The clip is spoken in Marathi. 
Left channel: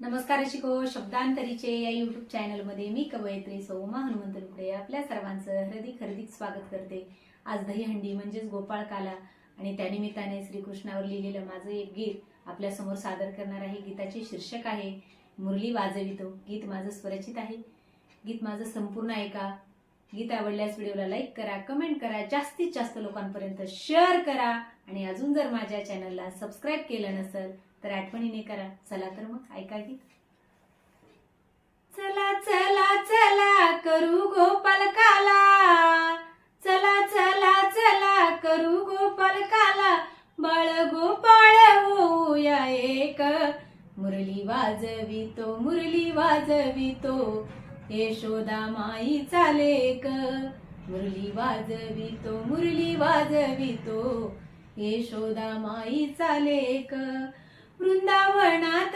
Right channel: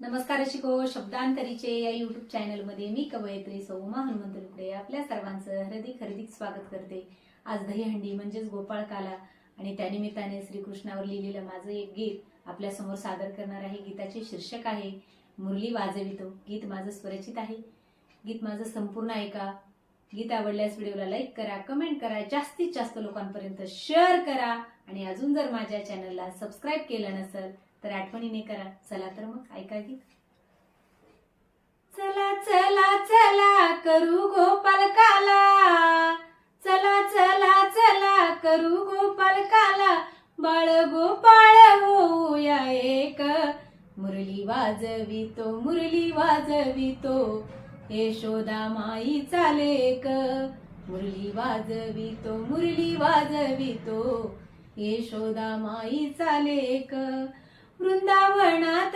नमस्कार शिको शब्दांतरीचे या युट्यूब चॅनलमध्ये मी कवयित्री सौ उमा हनुमंत लुकडे आपल्या सर्वांचं हार्दिक स्वागत करते। आज दहीहंडी म्हणजेच गोपाळकाला आणि त्यानिमित्ताने श्रीकृष्णावर लिहिलेलं माझं एक गीत आपल्या समोर सादर करणार आहे। गीताचे शीर्षक आहे मुरली वाजवितो। गीत माझं स्वरचित आहे। गीत माझं संपूर्ण ऐका। गीत आवडल्यास व्हिडिओला लाईक करा, कमेंट करा, जास्तीत जास्त लोकांपर्यंत शेअर करा आणि अजून जर माझ्या चॅनलला सबस्क्राइब केलं नसेल तर आठवणीने करा। चला तर मग ऐका गीत। चला चला चला करू गोपाळकाला, चला चला चला करू गोपाळकाला, बाळ गोपाळ होऊया एक, मुरली वाजवितो यशोदा माईचा लेक, मुरली वाजवितो यशोदा माईचा लेक, वृंदावनात